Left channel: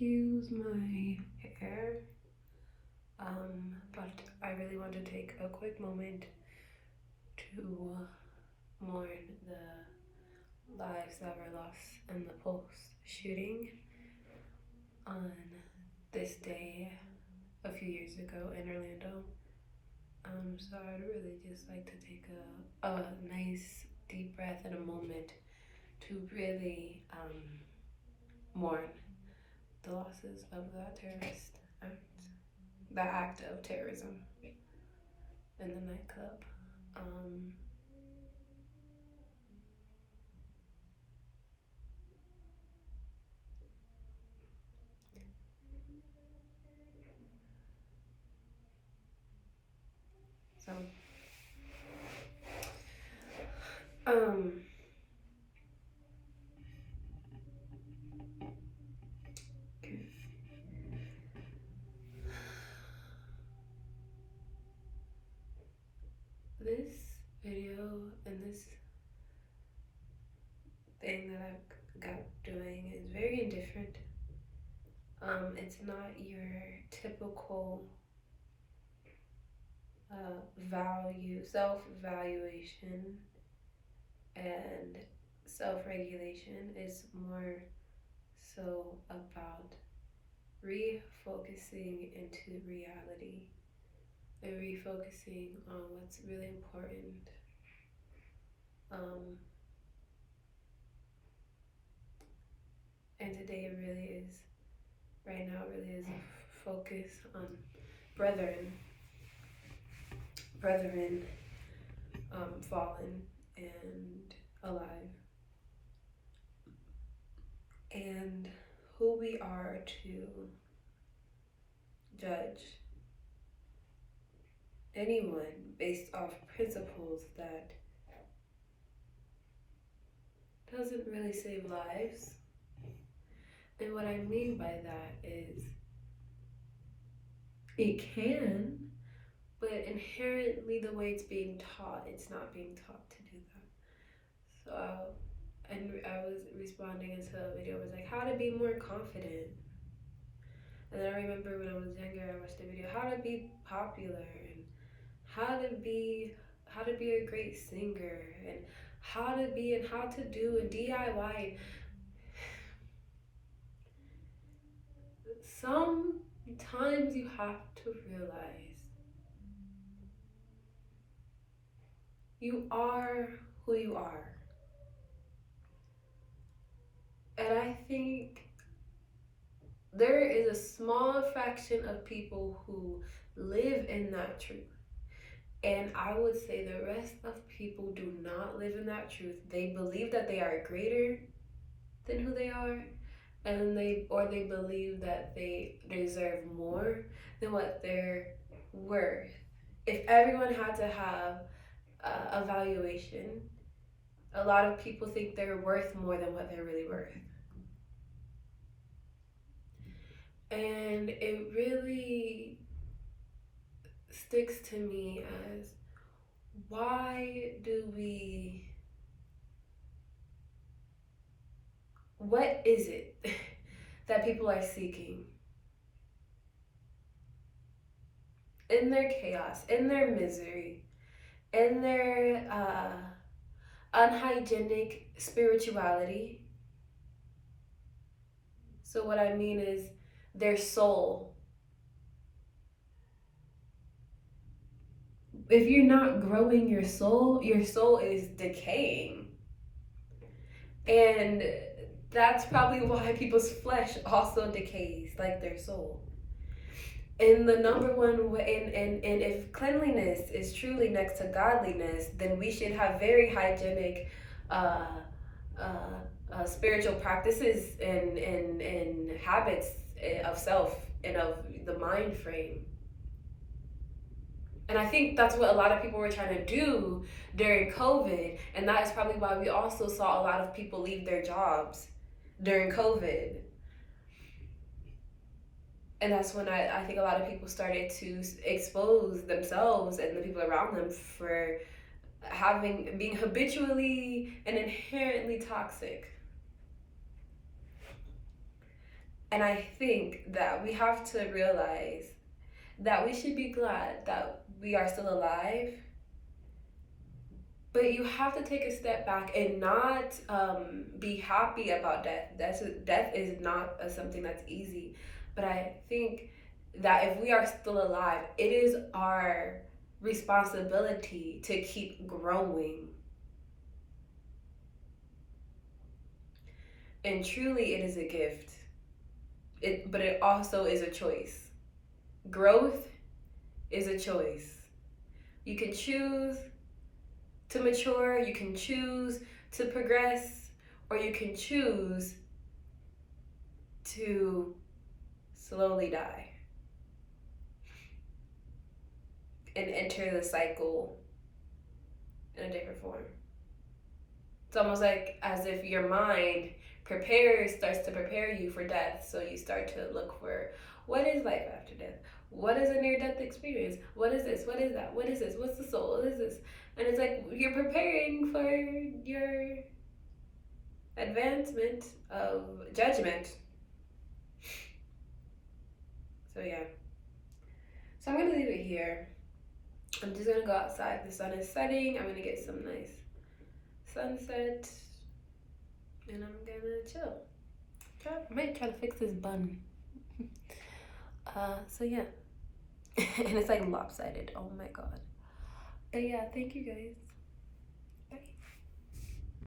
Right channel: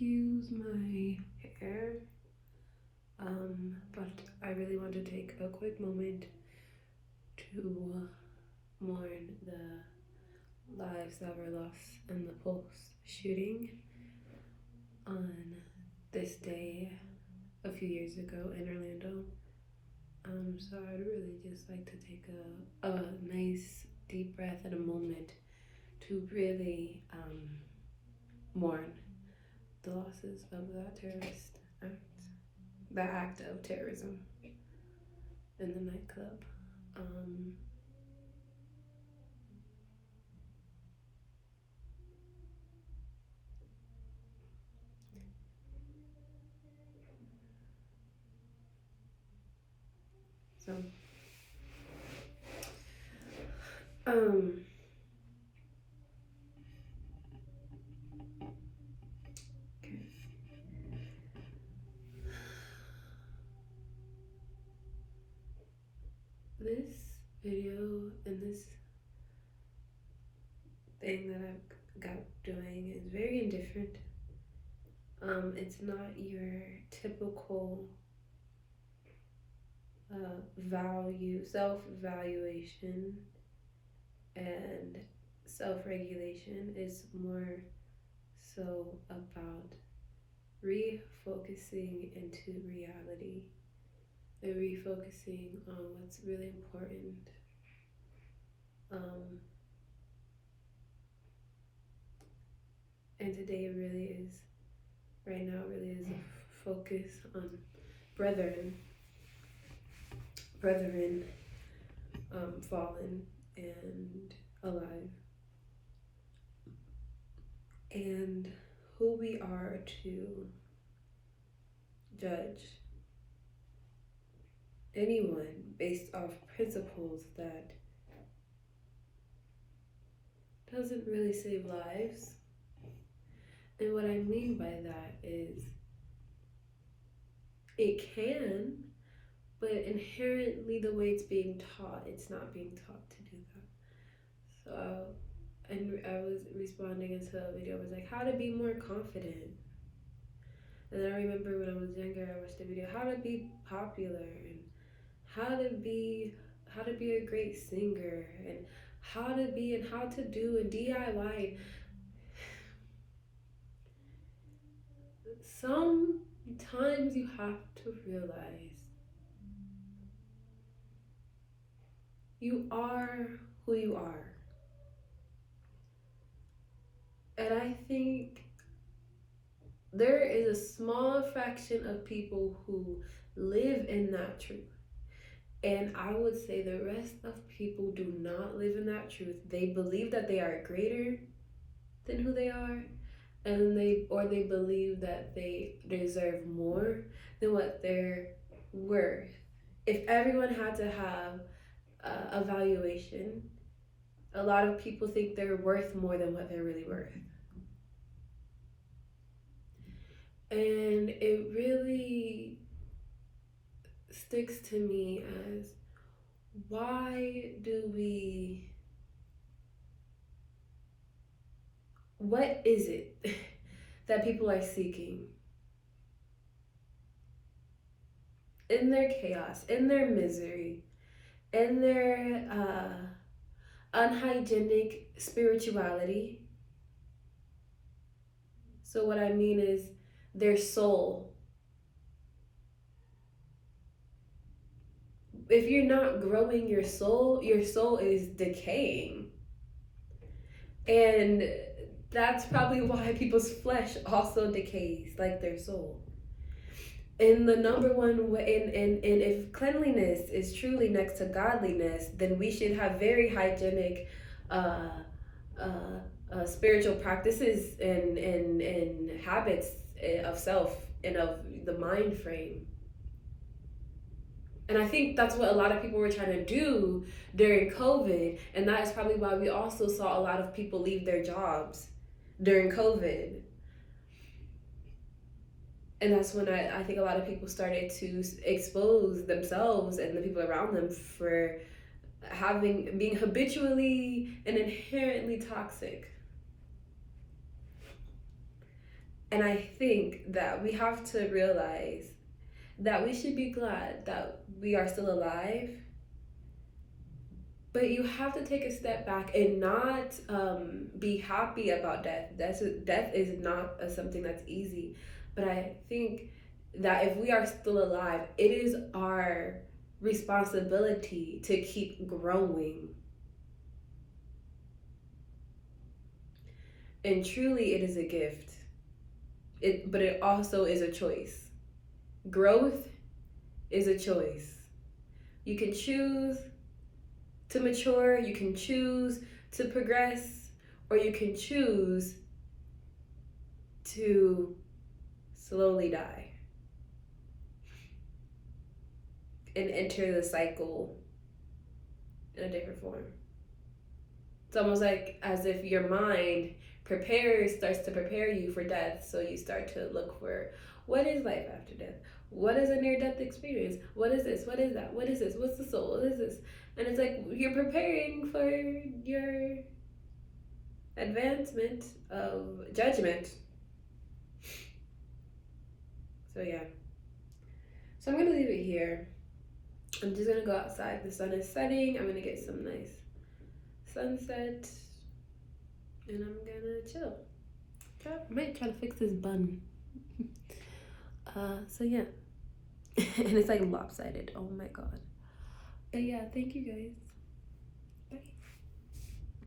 excuse my hair, but I really want to take a quick moment to mourn the lives that were lost in the Pulse shooting on this day a few years ago in Orlando. So I'd really just like to take a nice deep breath and a moment to really mourn the losses of that terrorist act, that act of terrorism in the nightclub. Um, so, um, this video and this thing that I've got doing is very indifferent. It's not your typical self-evaluation and self-regulation. Is more so about refocusing into reality and refocusing on what's really important. And today really is, right now, really is a focus on brethren, fallen and alive, and who we are to judge anyone based off principles that doesn't really save lives. And what I mean by that is it can, but inherently the way it's being taught, it's not being taught to do that. So, and I was responding into a video, it was like, how to be more confident. And then I remember when I was younger, I watched a video, how to be popular, and how to be a great singer, and how to be and how to do a DIY. Sometimes you have to realize you are who you are. And I think there is a small fraction of people who live in that truth. And I would say the rest of people do not live in that truth. They believe that they are greater than who they are, and they believe that they deserve more than what they're worth. If everyone had to have a valuation, a lot of people think they're worth more than what they're really worth. And it really sticks to me as, why do we, what is it that people are seeking in their chaos, in their misery, in their unhygienic spirituality? So what I mean is their soul. If you're not growing your soul is decaying. And that's probably why people's flesh also decays like their soul. And the number one way, and if cleanliness is truly next to godliness, then we should have very hygienic spiritual practices and habits of self and of the mind frame. And I think that's what a lot of people were trying to do during COVID. And that is probably why we also saw a lot of people leave their jobs during COVID. And that's when I think a lot of people started to expose themselves and the people around them for being habitually and inherently toxic. And I think that we have to realize that we should be glad that we are still alive, but you have to take a step back and not be happy about death. Death is not something that's easy. But I think that if we are still alive, it is our responsibility to keep growing. And truly, it is a gift. But it also is a choice. Growth is a choice. You can choose to mature, you can choose to progress, or you can choose to slowly die and enter the cycle in a different form. It's almost like as if your mind starts to prepare you for death. So you start to look for, what is life after death? What is a near-death experience? What is this? What is that? What is this? What's the soul? What is this? And it's like you're preparing for your advancement of judgment. So yeah. So I'm gonna leave it here. I'm just gonna go outside. The sun is setting. I'm gonna get some nice sunset, and I'm gonna chill. I might try to fix this bun. So yeah. And it's like lopsided. Oh my god. But yeah, thank you guys.